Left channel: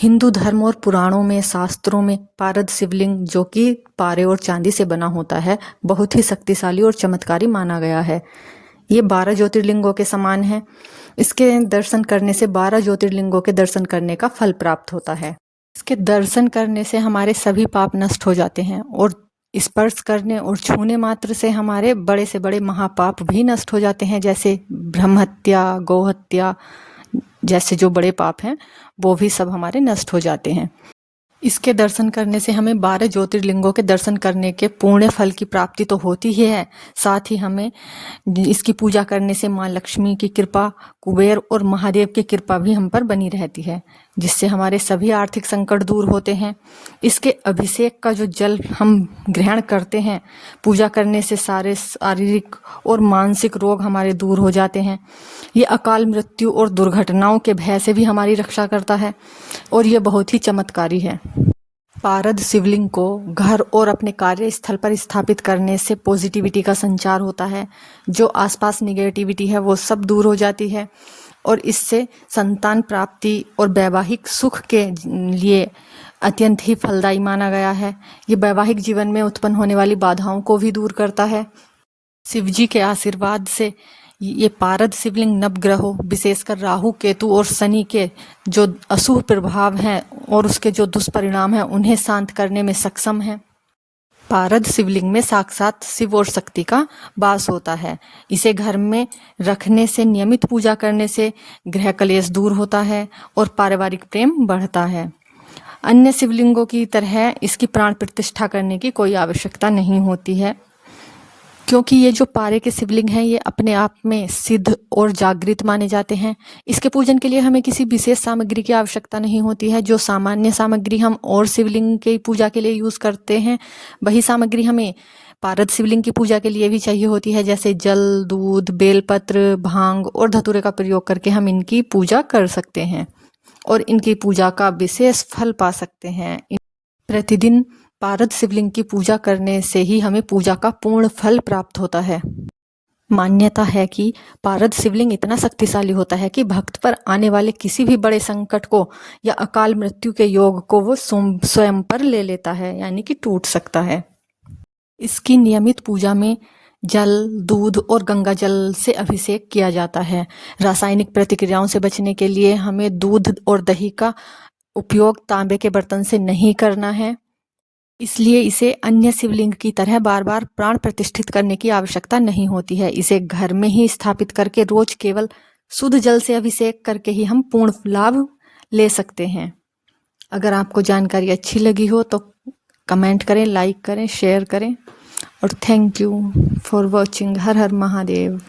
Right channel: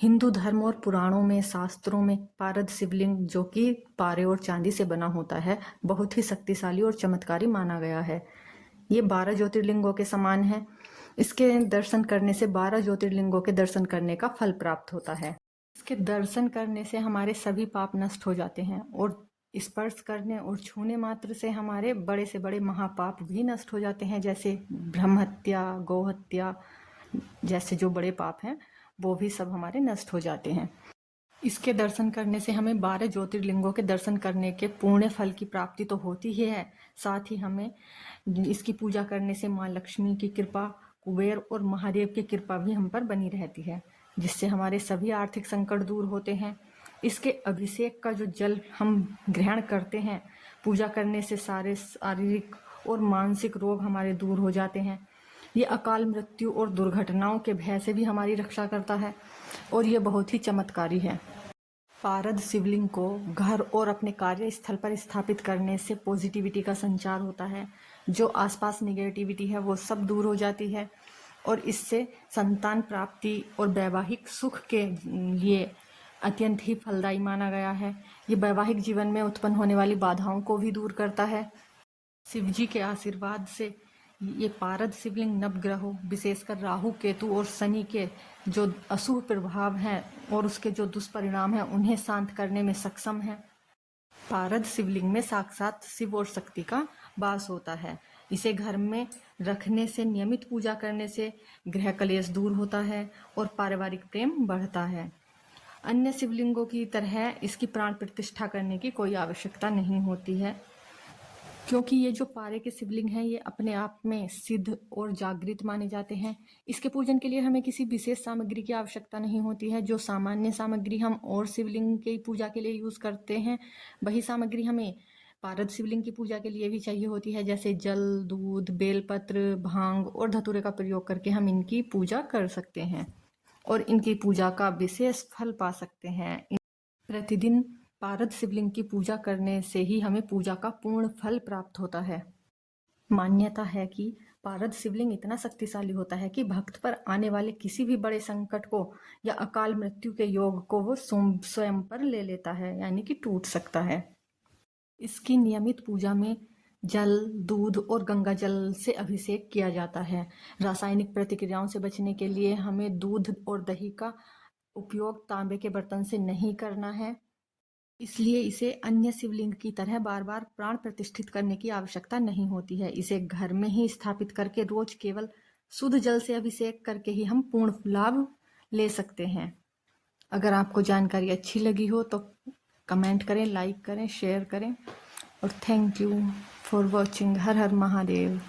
हिंदू धर्म और पुराणों में, शास्त्रों में पारद शिवलिंग, जो कि पारे और चांदी से बना होता है, बहुत ही शक्तिशाली और चमत्कारी माना गया है। ये 12 ज्योतिर्लिंगों के समान है। इसके दर्शन करने से 12 ज्योतिर्लिंगों के दर्शन करने का फल प्राप्त होता है। इसके दर्शन करने से हमारे सभी पाप नष्ट हो जाते हैं और स्पर्श करने और छूने मात्र से हमारे बड़े से बड़े महापाप भी नष्ट हो जाते हैं, जैसे ब्रह्महत्या, गौहत्या जैसे जो बड़े पाप हैं वो भी सब हमारे नष्ट हो जाते हैं। इसके दर्शन करने से हमें 12 ज्योतिर्लिंगों के दर्शन करने के पुण्य फल की प्राप्ति तो होती ही है, साथ ही हमें इसकी पूजा करने से माँ लक्ष्मी की कृपा, कुबेर और महादेव की कृपा भी हम पर बनी रहती है, जिससे हमारे सभी आर्थिक संकट दूर होते हैं। इसके अभिषेक का जो जल हम ग्रहण करते हैं, पूजा करने से सारे शारीरिक और मानसिक रोग हमारे दूर हो जाते हैं। ये अकाल मृत्यु और दुर्घटनाओं के भय से भी हमारी रक्षा करता है और ये बहुत ही चमत्कारी है। पारद शिवलिंग को घर और अपने कार्यस्थल पर स्थापित करने से पॉजिटिविटी का संचार होता है। जो आसपास निगेटिविटी है वो सब दूर हो जाती है और इससे संतान प्राप्ति और वैवाहिक सुख के लिए अत्यंत ही फलदायी माना गया है। ये वैवाहिक जीवन में उत्पन्न होने वाली बाधाओं को भी दूर करता है। शिवजी के आशीर्वाद से ये पारद शिवलिंग नवग्रहों, विशेषकर राहु, केतु और शनि के जो अशुभ प्रभाव हैं और उसके जो दुष्परिणाम हैं उन्हें शांत करने में सक्षम है। पारद शिवलिंग में साक्षात शिव और शक्ति का वास होता है। इसे घर में रखने से, नियमित पूजा करने से गृह कलेश दूर होता है और पारिवारिक प्रेम बढ़ता है। अन्य शिवलिंगों की तरह इसकी प्राण प्रतिष्ठा करने की कोई आवश्यकता नहीं होती है, क्योंकि ये जो पारे के शिवलिंग हैं ये अपने आप में सिद्ध और जागृत माने जाते हैं। इसके पूजन के लिए हमें किसी विशेष सामग्री की आवश्यकता नहीं होती है। जो सामान्य सामग्री हम और शिवलिंग की पूजा के लिए यूज करते हैं, वही सामग्री हमें पारद शिवलिंग की पूजा के लिए भी चाहिए होती है, जैसे जल, दूध, बेलपत्र, भांग और धतूरे का प्रयोग करके हम इनकी पूजा कर सकते हैं और इनकी पूजा का विशेष फल पा सकते हैं। प्रतिदिन पारद शिवलिंग की पूजा करने से ही हमें पूजा का पूर्ण फल प्राप्त होता है। मान्यता है कि पारद शिवलिंग इतना शक्तिशाली होता है कि भक्त पर आने वाले किसी भी बड़े संकट को या अकाल मृत्यु के योग को वो स्वयं पर ले लेता है, यानी कि टूट सकता है। इसकी नियमित पूजा में जल, दूध और गंगा जल से अभिषेक किया जाता है। रासायनिक प्रतिक्रियाओं से बचने के लिए हमें दूध और दही का उपयोग तांबे के बर्तन से नहीं करना है। इसलिए इसे अन्य शिवलिंग की तरह बार बार प्राण प्रतिष्ठित करने की आवश्यकता नहीं होती है। इसे घर में ही स्थापित करके रोज केवल शुद्ध जल से अभिषेक करके ही हम पूर्ण लाभ ले सकते हैं। अगर आपको जानकारी अच्छी लगी हो तो कमेंट करें, लाइक करें, शेयर करें और thank you for watching. Her her Mahadev.